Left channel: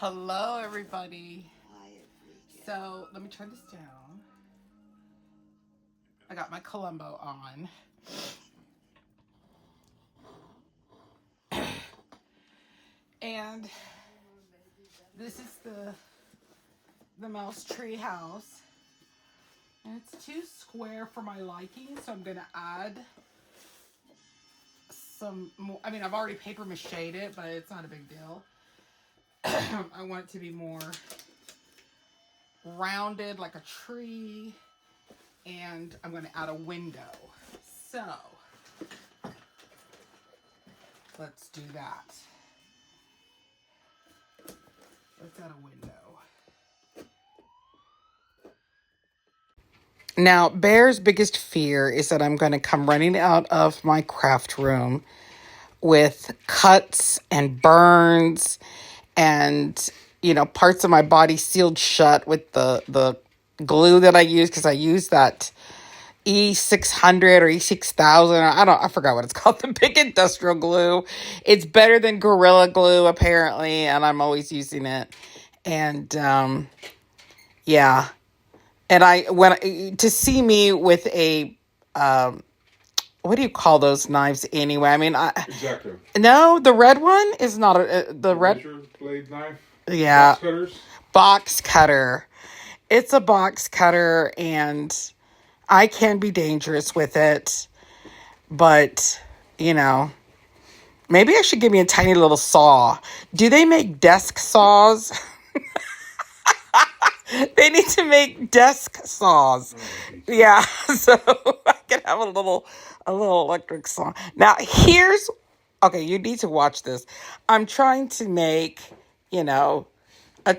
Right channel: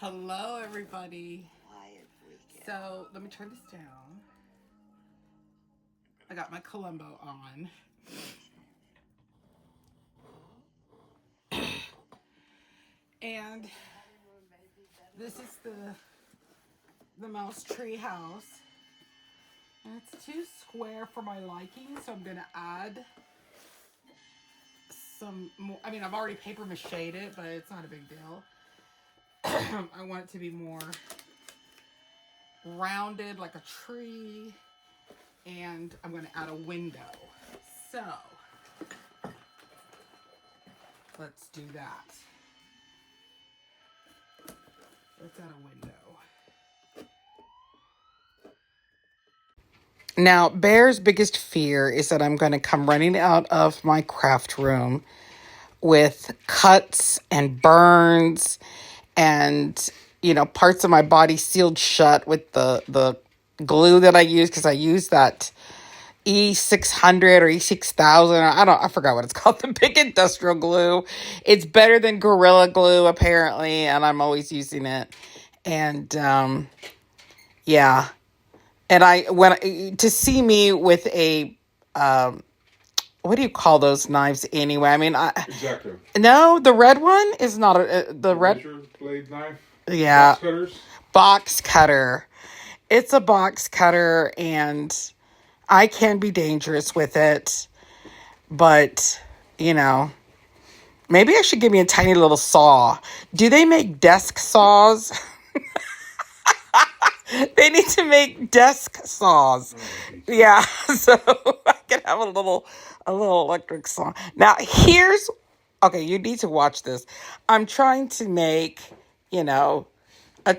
Hello, everybody. So let me turn this down. I got my Columbo on. And this is the mouse tree house. And it's too square for my liking, so I'm gonna add some more. I mean, I've already paper mache'd it, but it's not a big deal. I want it to be more rounded like a tree, and I'm gonna add a window. So let's do that. Let's add a window. Now, Bear's biggest fear is that I'm going to come running out of my craft room with cuts and burns and, parts of my body sealed shut with the glue that I use, because I use that E600 or E6000. I forgot what it's called, the big industrial glue. It's better than Gorilla Glue, apparently, and I'm always using it. And, yeah. And to see me with a, what do you call those knives anyway? I mean, Exactly. No, the red one is not the red Razor blade knife. Yeah, Box cutters. Box cutter. It's a box cutter, and I can be dangerous with it. But maybe I should give me a tiny little saw. Do they make desk saws? They need to make desk saws. Yeah, so I can have a little electric saw. Now okay, you need to watch this. I'm trying to make, a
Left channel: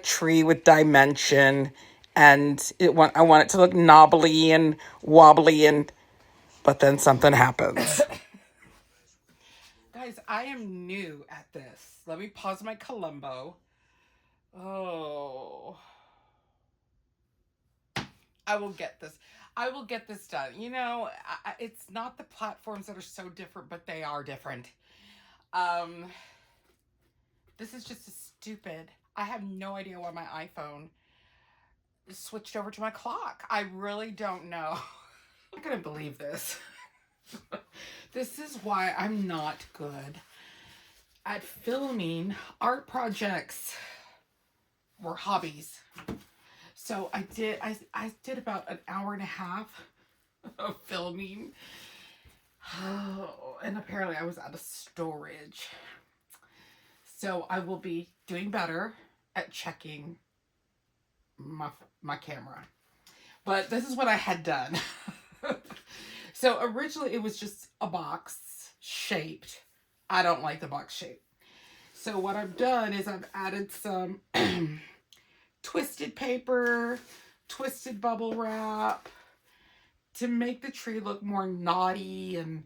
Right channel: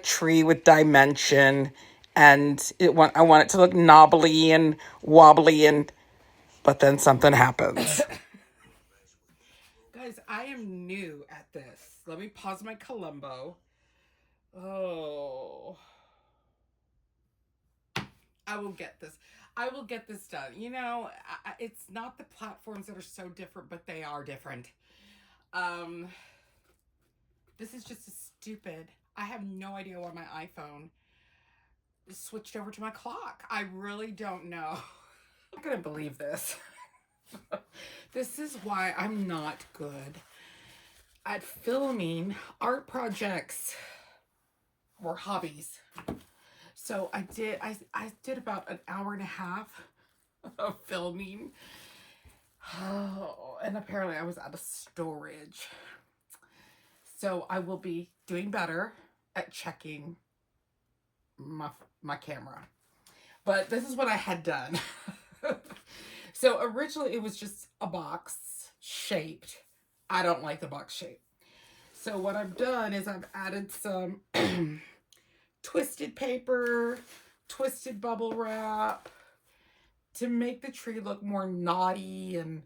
tree with dimension, and I want it to look knobbly and wobbly, but then something happens. Guys, I am new at this. Let me pause my Columbo. Oh. I will get this. I will get this done. It's not the platforms that are so different, but they are different. Um, this is just stupid. I have no idea why my iPhone switched over to my clock. I really don't know. I'm not gonna believe this. This is why I'm not good at filming art projects or hobbies. So I did about an hour and a half of filming. Oh, and apparently I was out of storage. So I will be doing better at checking my camera. But this is what I had done. So originally it was just a box shaped. I don't like the box shape. So what I've done is I've added some twisted paper, twisted bubble wrap to make the tree look more naughty and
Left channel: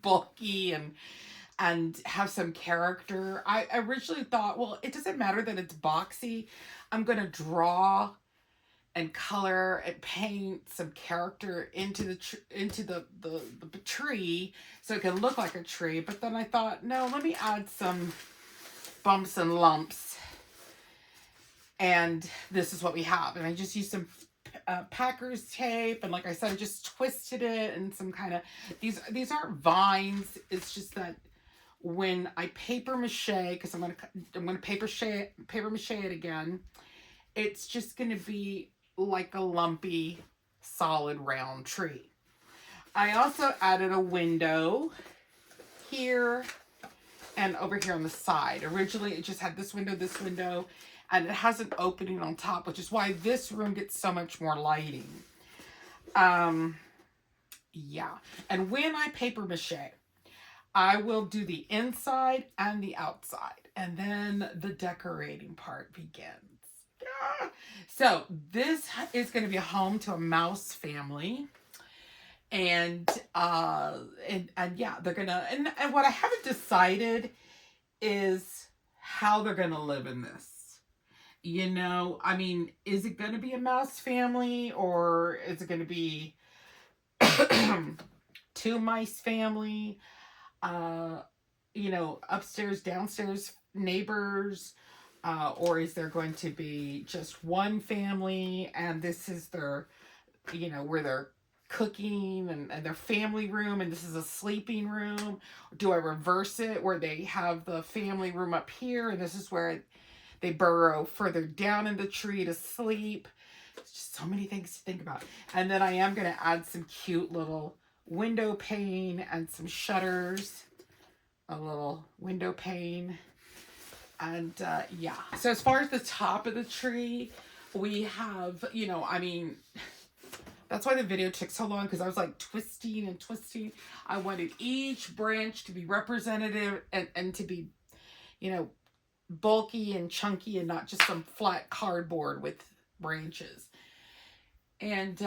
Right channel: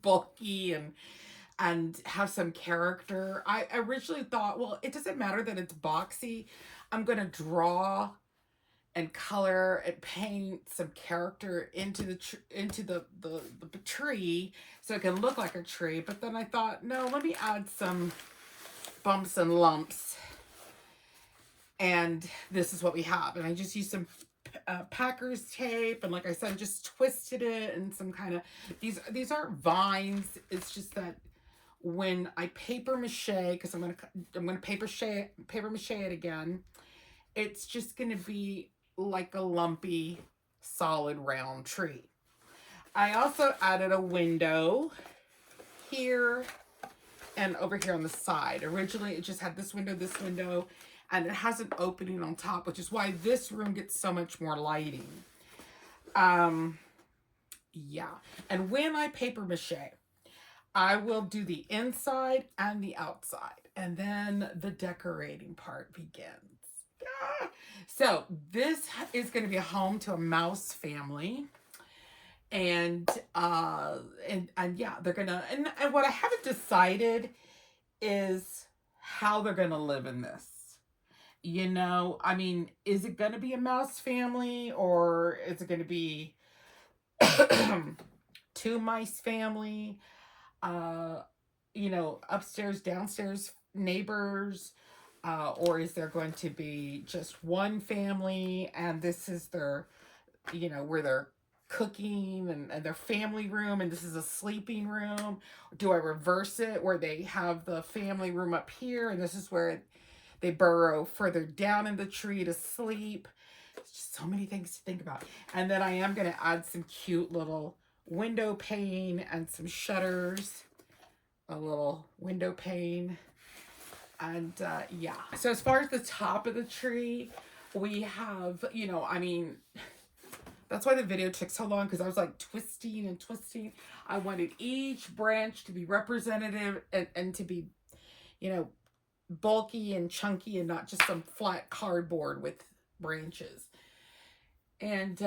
bulky and have some character. I originally thought, well, it doesn't matter that it's boxy. I'm going to draw and color and paint some character into the tree so it can look like a tree. But then I thought, no, let me add some bumps and lumps. And this is what we have. And I just used some Packers tape, and like I said, I just twisted it, and some kind of these aren't vines. It's just that when I paper mache, because I'm gonna paper mache it again, it's just gonna be like a lumpy, solid round tree. I also added a window here and over here on the side. Originally, it just had this window, and it has an opening on top, which is why this room gets so much more lighting. Yeah. And when I paper mache, I will do the inside and the outside, and then the decorating part begins. Yeah. So this is going to be a home to a mouse family. And yeah, they're gonna, and what I haven't decided is how they're gonna live in this. I mean, is it gonna be a mouse family, or is it gonna be two mice family? you know, upstairs, downstairs neighbors? Or is there going to be just one family and this is their, you know, where they're cooking and their family room and this is a sleeping room? Do I reverse it where they have the family room up here and this is where they burrow further down in the tree to sleep? It's just so many things to think about. And then I am going to add some cute little window pane and some shutters, a little window pane. And yeah, so as far as the top of the tree, we have, you know, I mean, that's why the video took so long, because I was like twisting and twisting. I wanted each branch to be representative and to be, you know, bulky and chunky and not just some flat cardboard with branches. And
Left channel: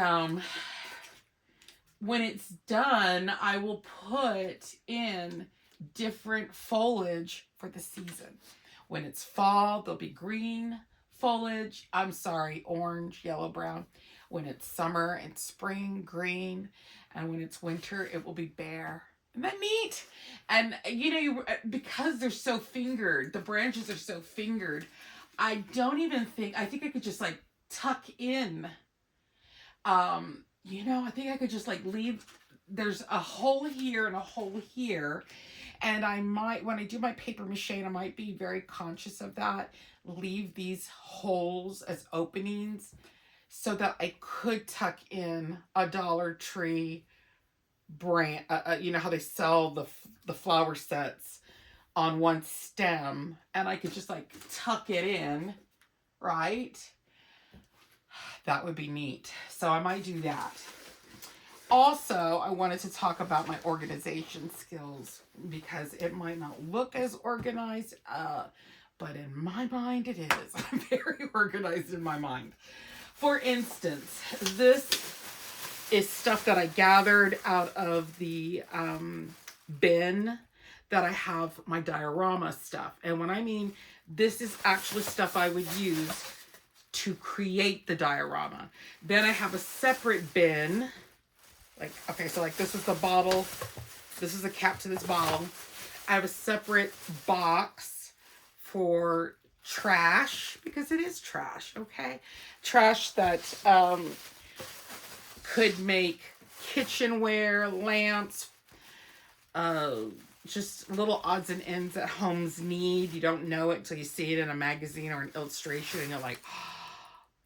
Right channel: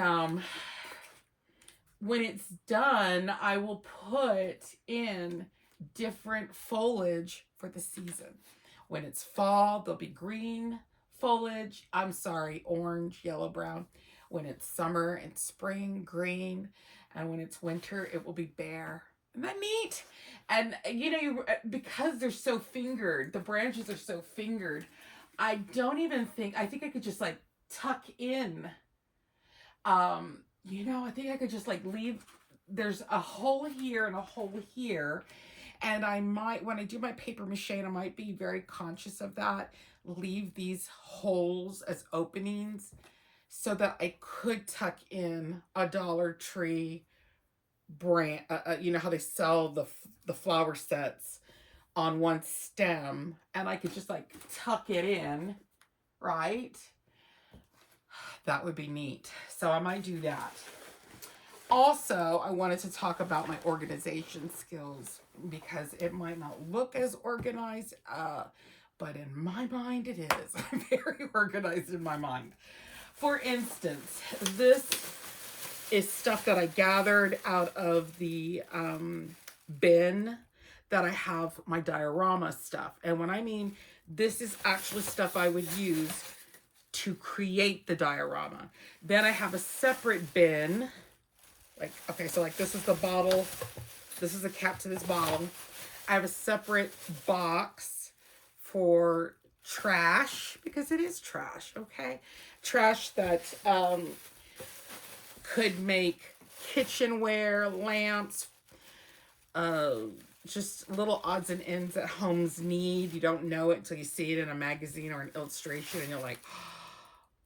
when it's done, I will put in different foliage for the season. When it's fall, there'll be green foliage. I'm sorry, orange, yellow, brown. When it's summer and spring, green. And when it's winter, it will be bare. Isn't that neat? And, you know, because they're so fingered, the branches are so fingered, I don't even think, I think I could just like tuck in, you know, I think I could just like leave, there's a hole here and a hole here. And I might, when I do my paper mache, and I might be very conscious of that, leave these holes as openings so that I could tuck in a Dollar Tree brand. You know how they sell the flower sets on one stem, and I could just like tuck it in, right? That would be neat. So I might do that. Also, I wanted to talk about my organization skills because it might not look as organized, but in my mind it is. I'm very organized in my mind. For instance, this is stuff that I gathered out of the bin that I have my diorama stuff. And when I mean this is actually stuff I would use to create the diorama. Then I have a separate bin. Like, okay, so like this is the bottle. This is the cap to this bottle. I have a separate box for trash, because it is trash, okay? Trash that could make kitchenware, lamps, just little odds and ends that homes need. You don't know it until you see it in a magazine or an illustration and you're like,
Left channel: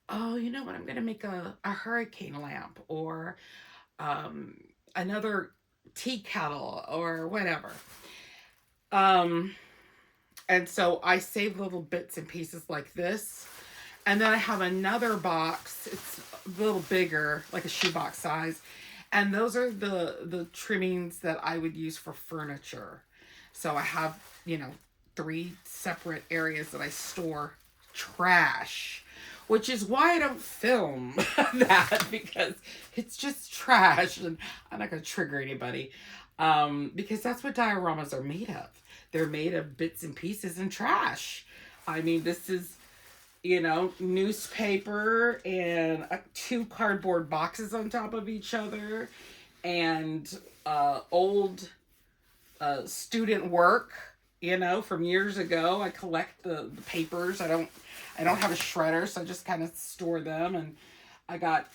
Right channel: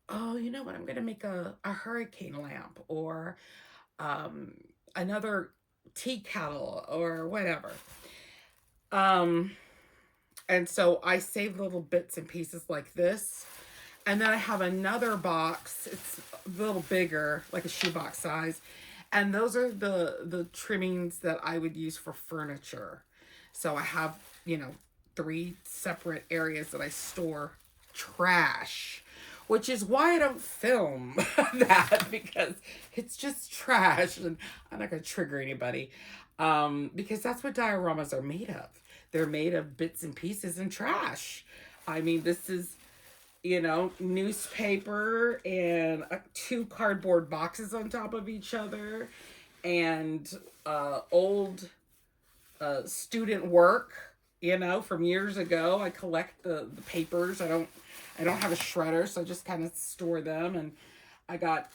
oh, you know what? I'm going to make a hurricane lamp or another tea kettle or whatever. And so I save little bits and pieces like this. And then I have another box. It's a little bigger, like a shoebox size. And those are the trimmings that I would use for furniture. So I have, you know, 3 separate areas that I store trash, which is why I don't film that, because it's just trash and I'm not going to trigger anybody. Because that's what dioramas are made of. They're made of bits and pieces and trash. I mean, this is, you know, newspaper and 2 cardboard boxes on top of each other and old student work, you know, from years ago. I collect the papers. I don't have a shredder, so I just kind of store them. And I got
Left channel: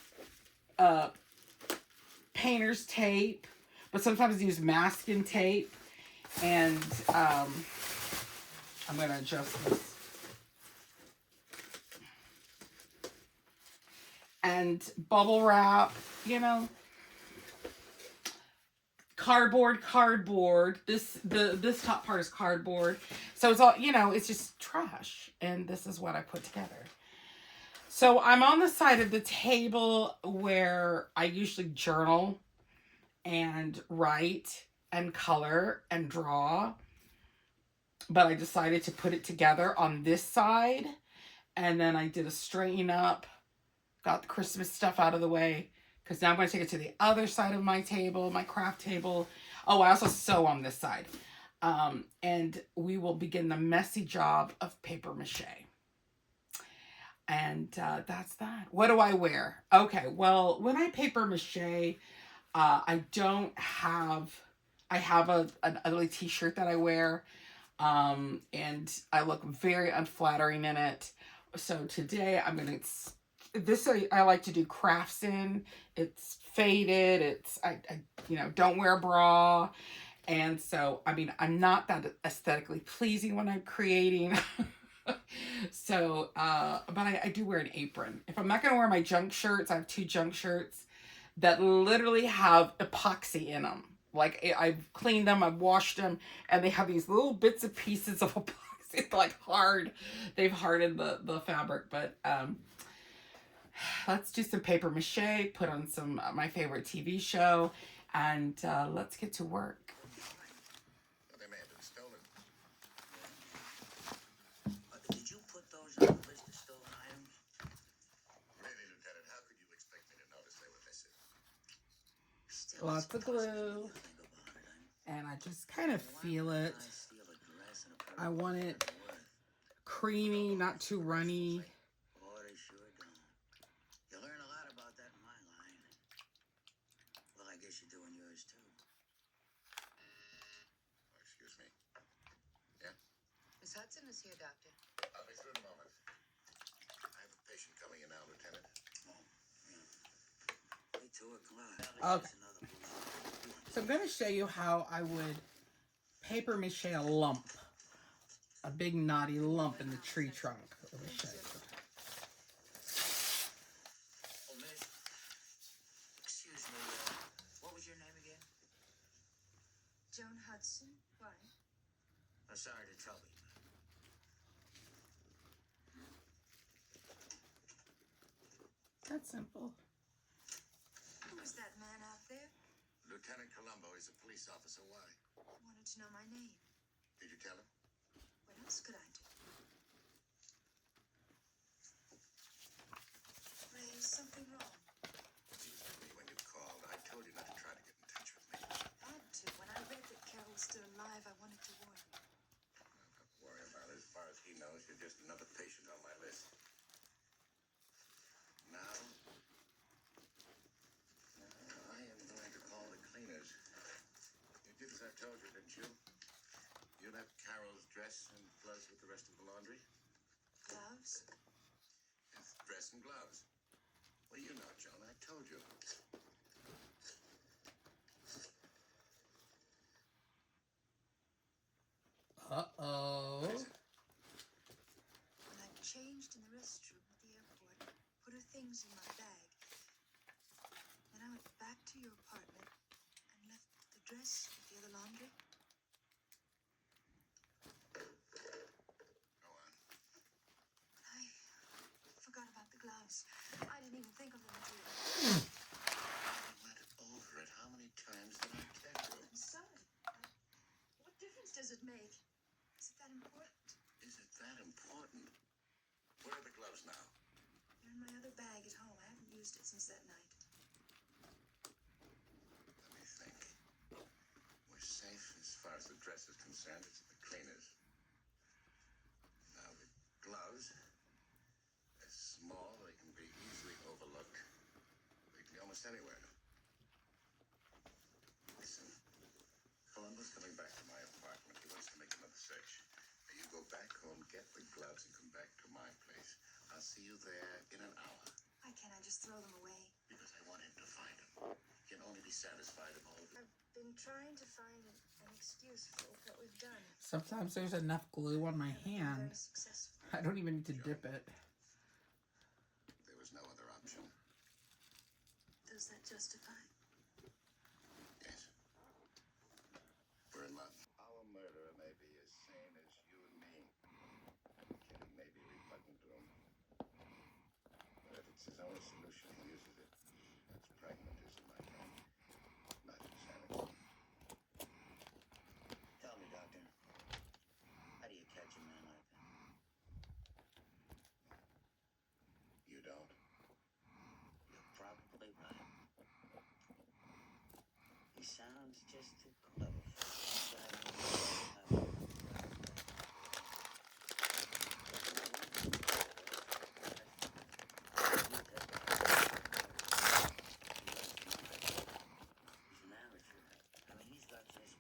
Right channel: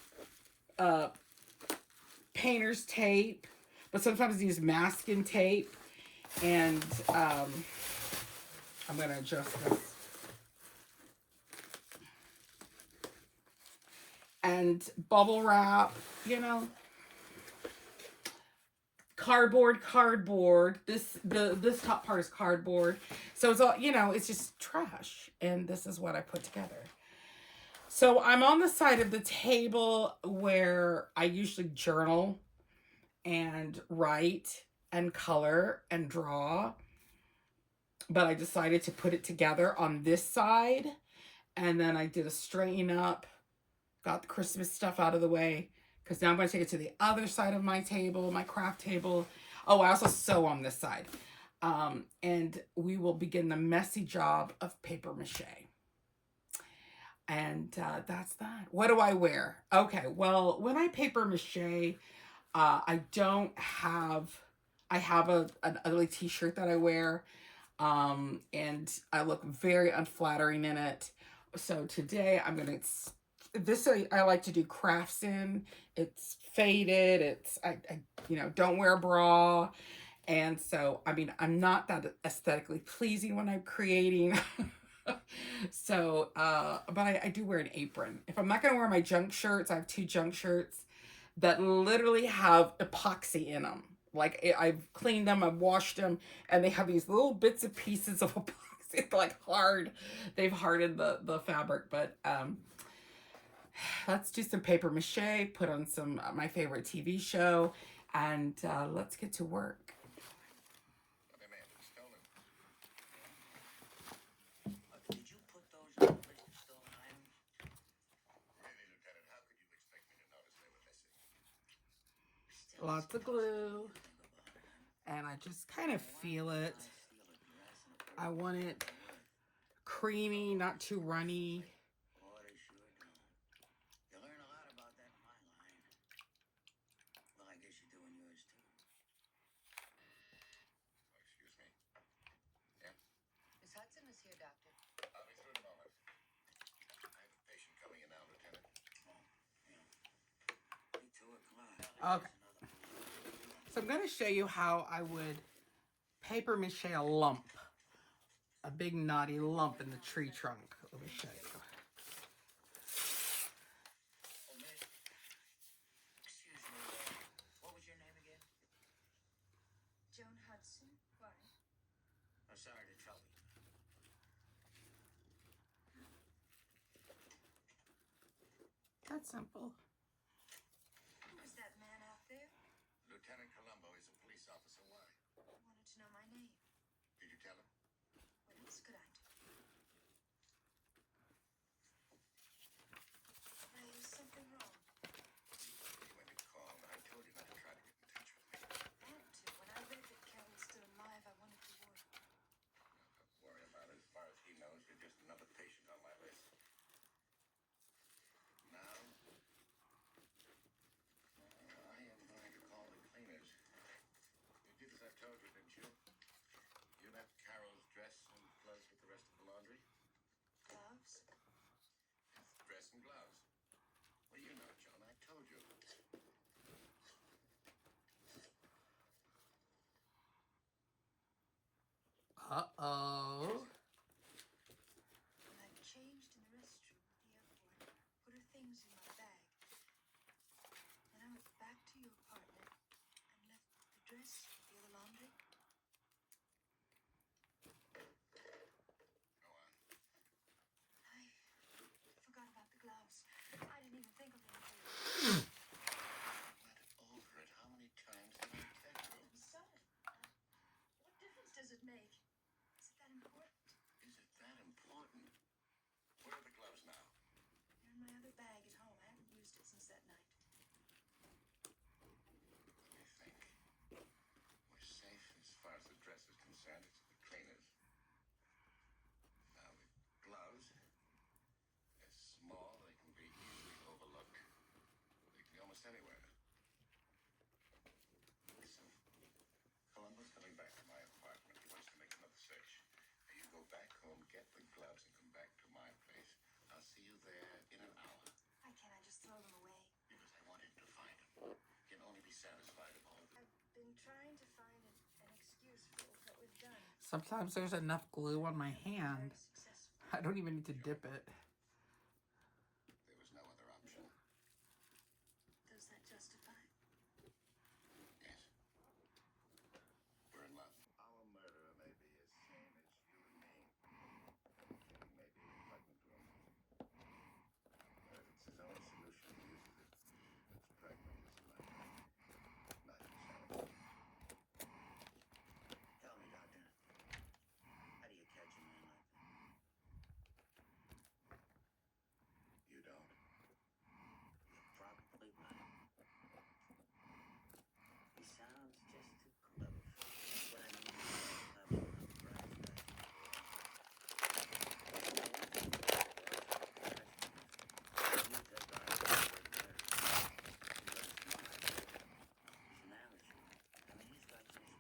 painter's tape, but sometimes I use masking tape. And I'm going to adjust this. And bubble wrap, you know, cardboard. This top part is cardboard. So it's all, you know, it's just trash. And this is what I put together. So I'm on the side of the table where I usually journal and write and color and draw. But I decided to put it together on this side. And then I did a straighten up. Got the Christmas stuff out of the way. Because now I'm going to take it to the other side of my table, my craft table. Oh, I also sew on this side. And we will begin the messy job of paper mache. And that's that. What do I wear? Okay, well, when I paper mache, I I have an ugly t-shirt that I wear, and I look very unflattering in it. So today I'm gonna, this I like to do crafts in. It's faded. I don't wear a bra, and so I mean I'm not that aesthetically pleasing when I'm creating. So, but I do wear an apron. If I'm not gonna wear my junk shirts, I have 2 junk shirts that literally have epoxy in them. Like I've cleaned them, I've washed them, and they have these little bits of pieces of epoxy. It's like hard. They've hardened the fabric. But let's do some paper mache. Put on some my favorite TV show, and let's get to work. Did you put those on the list of stolen items? Really, Lieutenant, how could you expect me to notice they were missing? Lots of glue. And I just kind of feel it. I want it creamy, not too runny. Oh, they sure do. You learn a lot about that in my line. Well, I guess you're doing yours too. Oh, excuse me. Yeah? Miss Hudson is here, Doctor. I'll be through in a moment. I have a patient coming in now, Lieutenant. Oh, yeah. Me too, glad. Okay. So I'm going to show you how I would paper mache a lump. A big knotty lump in the tree trunk. Let me show you. Oh, miss. Excuse me, what was your name again? Joan Hudson. Why? I'm sorry to trouble you, ma'am. That's simple. Who is that man out there? Lieutenant Colombo, he's a police officer. Why? Wanted to know my name. Did you tell him? What else could I do? Ray, is something wrong? When you called, I told you not to try to get in touch with me. I had to. When I read that Carol's still alive, I wanted to warn you. Don't worry about it. As far as he knows, you're just another patient on my list. Now, I am going to call the cleaners. You did as I told you, didn't you? You left Carol's dress and gloves with the rest of the laundry? Gloves? Yes, dress and gloves. Well, you know, Joan, I told you. Uh-oh. When I changed in the restroom at the airport, put her things in my bag. Then I went back to your apartment and left the dress with the other laundry. Go on. I forgot about the gloves. I didn't even think of them until you. I went over it. How many times did I tell you? I'm sorry. What difference does it make? Is it that important? Is it that important? Where are the gloves now? They're in my other bag at home. I haven't used it since that night. Let me think. We're safe as far as the dress is concerned. It's at the cleaners. Now, the gloves, they're small. They can be easily overlooked. They can be almost anywhere. Listen, Columbo's coming back to my apartment. He wants to make another search. Now, you go back home, get the gloves, and come back to my place. I'll see you there in an hour. Why can't I just throw them away? Because I want him to find them. He can only be satisfied if all of you. I've been trying to find an excuse for what we've done. Sometimes there's enough glue on my hand. Very successful. I don't even need to dip it. There was no other option. Does that justify? Yes. We're in love. Our murderer may be as sane as you and me. Killing may be repugnant to him. But if it's his only solution, he uses it. That's pragmatism, my friend. Not insanity. Tell me, Doctor, how do you catch a man like that? You don't. You're probably right. He sounds just too clever for me. But I know he doesn't have a right way. He's married. I mean, he's got just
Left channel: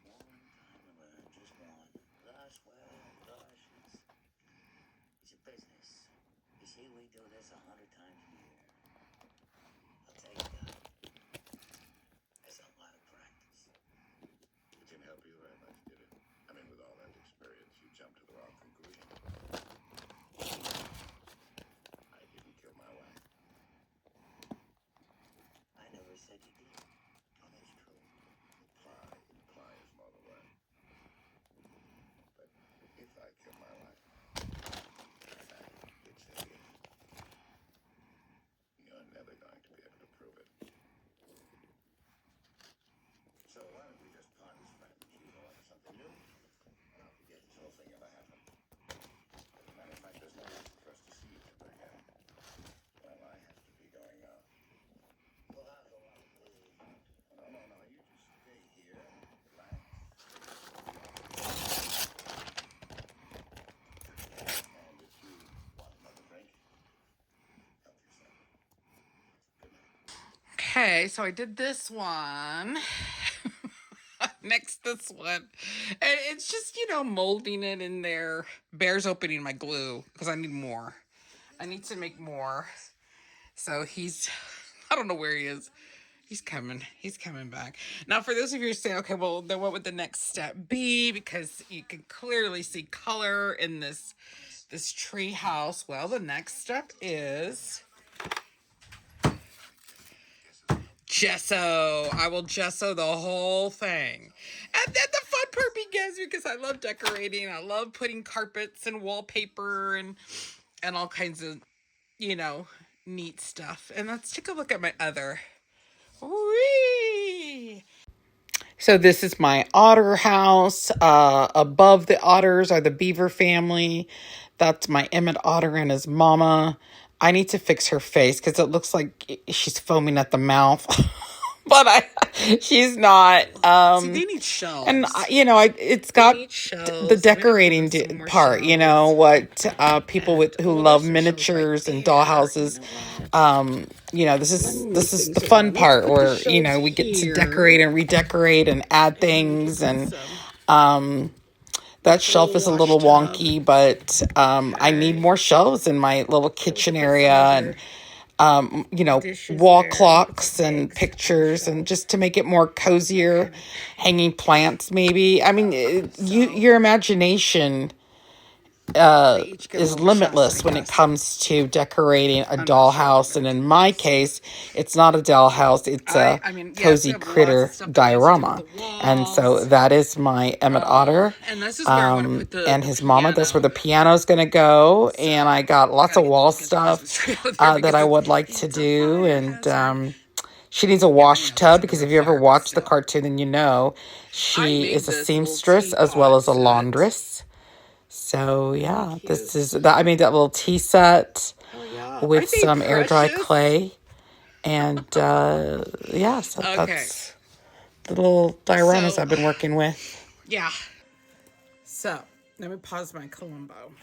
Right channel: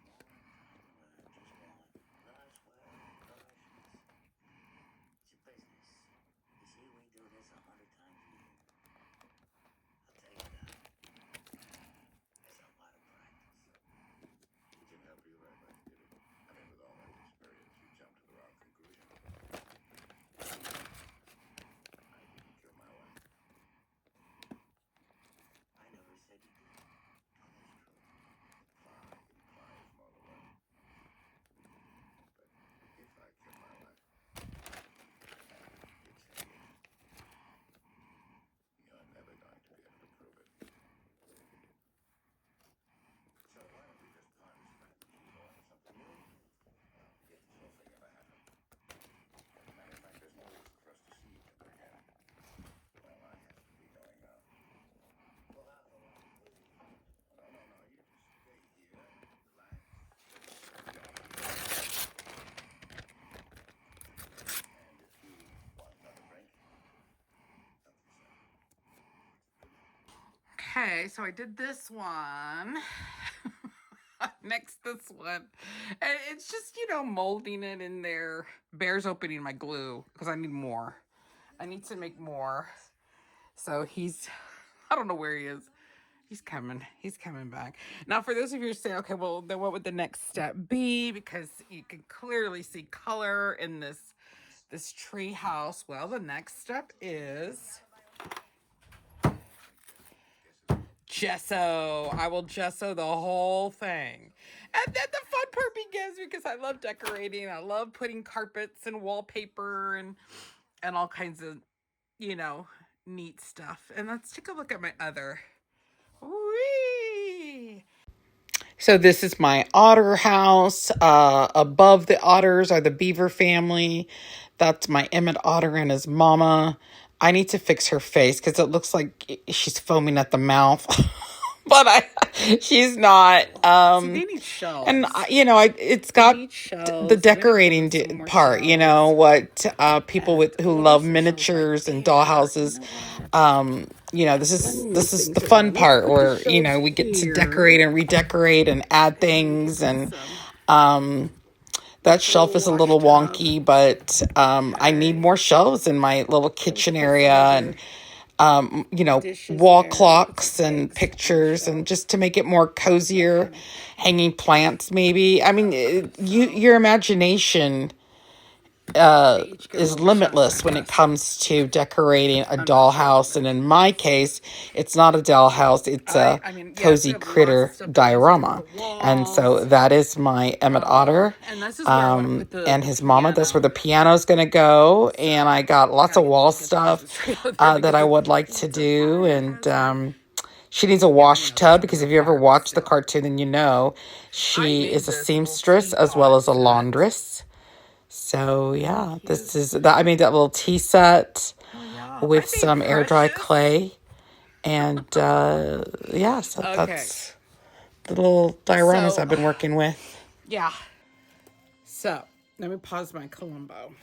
Okay, so I did this one. Next, this one. And it's just, molding it in there. Bear's opening my glue because I need more. I need to make more. So I don't know where he is. He's coming. He's coming back. Now, for those of you who say, okay, well, then what would the next step be? Because you can clearly see color in this tree house. Well, the next step is gesso. I will gesso the whole thing. And then the fun part begins because I love decorating. I love putting carpets and wallpaper and all kinds of, neat stuff. And let's take a look at my other. Whee! So this is my otter house. Above the otters are the beaver family. That's my Emmett otter and his mama. I need to fix her face because it looks like she's foaming at the mouth. But she's not. See, they need shelves. And it's got the decorating part. What people who love miniatures and dollhouses. This is the fun part where we get to decorate and redecorate and add things, and that shelf is a little wonky, but I need more shelves in my little kitchen area, and wall clocks and pictures, and just to make it more cozier, hanging plants maybe. I mean, your imagination is limitless when it comes to decorating a dollhouse, and in my case, it's not a dollhouse; it's a cozy critter diorama. And so that is my Emmett Otter, and his mama. That's where the piano's going to go, and I got lots of wall stuff that I would like to do, and she needs a wash tub because if you ever watched the cartoon, then she is a seamstress as well as a laundress. So yeah, this is that. I made that little tea set with some air dry clay, and so that's the little dioramas I've been working with. Yeah. So let me pause my Columbo.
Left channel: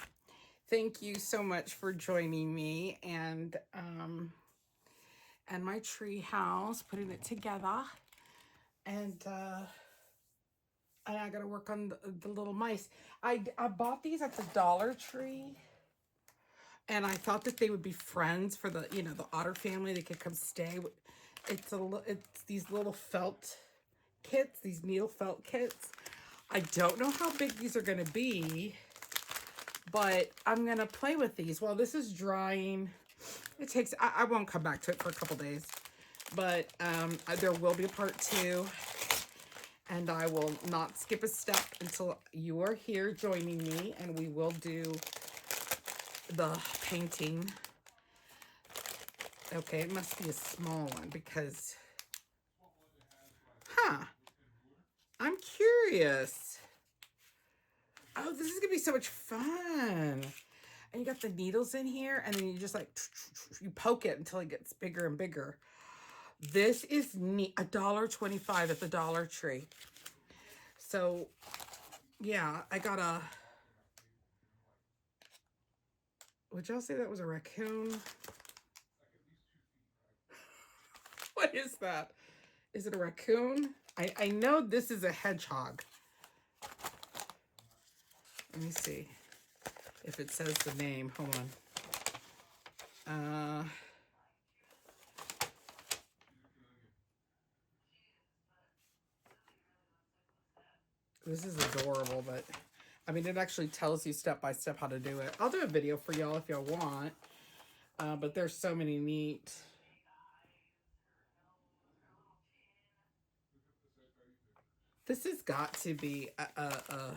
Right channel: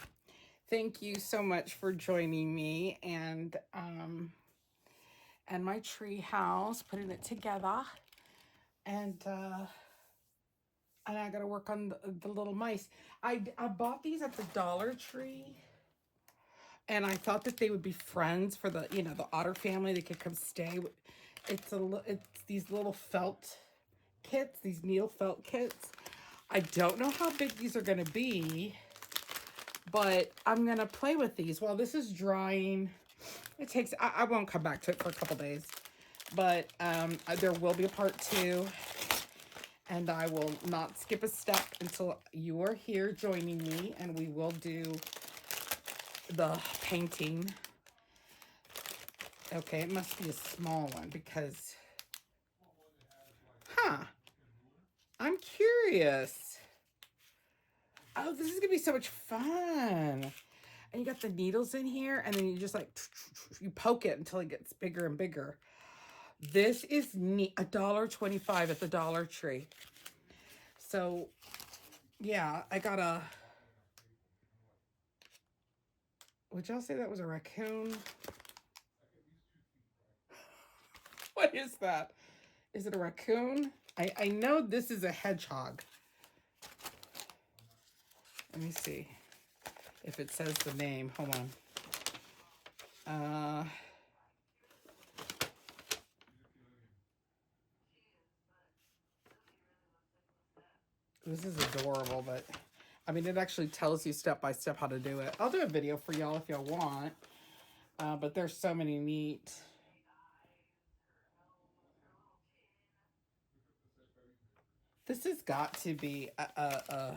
Thank you so much for joining me and my tree house, putting it together, and I gotta work on the little mice. I bought these at the Dollar Tree, and I thought that they would be friends for the the otter family. They could come stay. It's these little felt kits, these needle felt kits. I don't know how big these are gonna be, but I'm gonna play with these while this is drying. It takes. I won't come back to it for a couple days, but there will be a part 2. And I will not skip a step until you are here joining me, and we will do the painting. Okay, it must be a small one because, I'm curious. Oh, this is gonna be so much fun. And you got the needles in here, and then you just you poke it until it gets bigger and bigger. This is neat. $1.25 at the Dollar Tree. So, yeah, I got a... Would y'all say that was a raccoon? What is that? Is it a raccoon? I know this is a hedgehog. Let me see if it says the name. Hold on. This is adorable, but I mean, it actually tells you step by step how to do it. I'll do a video for y'all if y'all want. But there's so many neat... This has got to be a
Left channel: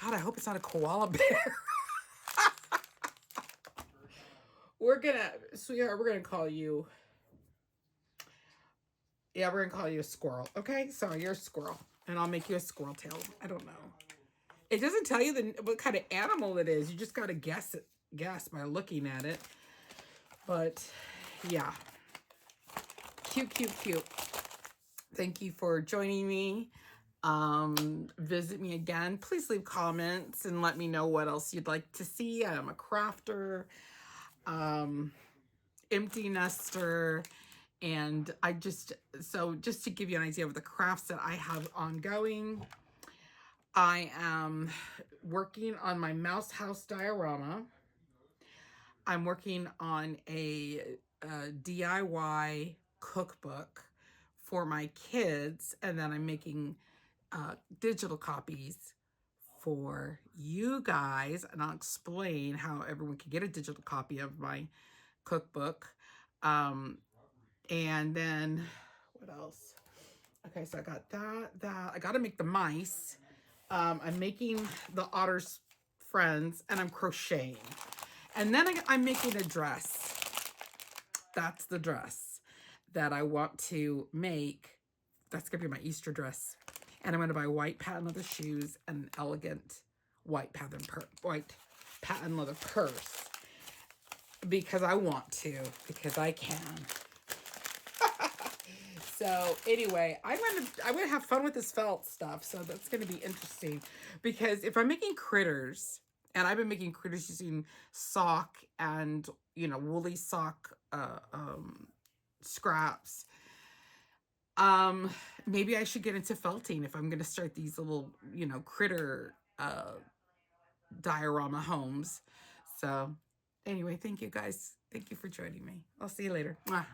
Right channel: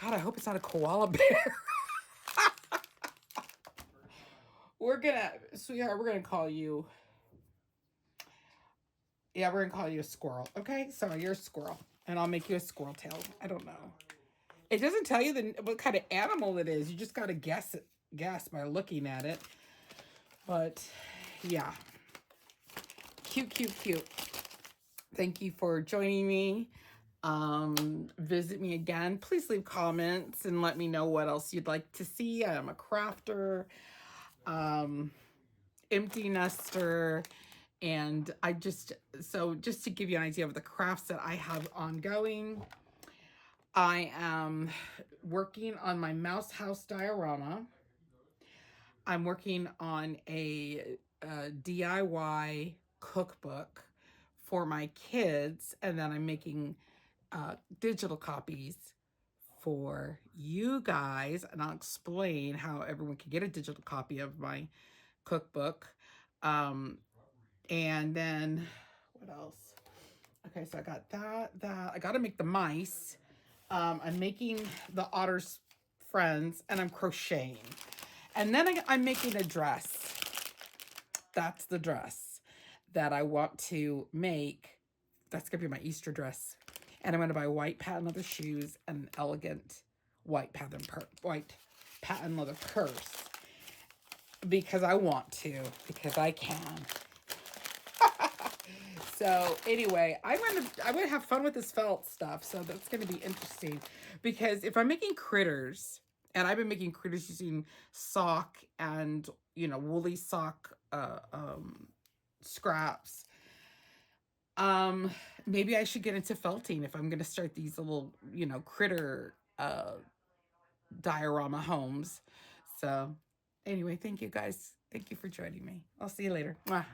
God, I hope it's not a koala bear. Sweetheart, we're gonna call you... Yeah, we're gonna call you a squirrel. Okay, so you're a squirrel, and I'll make you a squirrel tail. I don't know. It doesn't tell you what kind of animal it is. You just gotta guess by looking at it. But yeah, cute, cute, cute. Thank you for joining me. Visit me again. Please leave comments and let me know what else you'd like to see. I am a crafter, empty nester, And so just to give you an idea of the crafts that I have ongoing, I am working on my mouse house diorama. I'm working on a DIY cookbook for my kids, and then I'm making digital copies for you guys, and I'll explain how everyone can get a digital copy of my cookbook. And then what else? Okay, so I got that. I got to make the mice. I'm making the otter's friends, and I'm crocheting. And then I'm making a dress. That's the dress that I want to make. That's going to be my Easter dress. And I'm going to buy white patent leather shoes and an elegant white patent leather purse. Because I want to. Because I can. So anyway, I'm gonna have fun with this felt stuff. So that's gonna be interesting. Because if I'm making critters, and I've been making critters using sock and, you know, woolly sock scraps. Maybe I should get into felting if I'm gonna start these little, you know, critter diorama homes. So anyway, thank you guys. Thank you for joining me. I'll see you later. Mwah.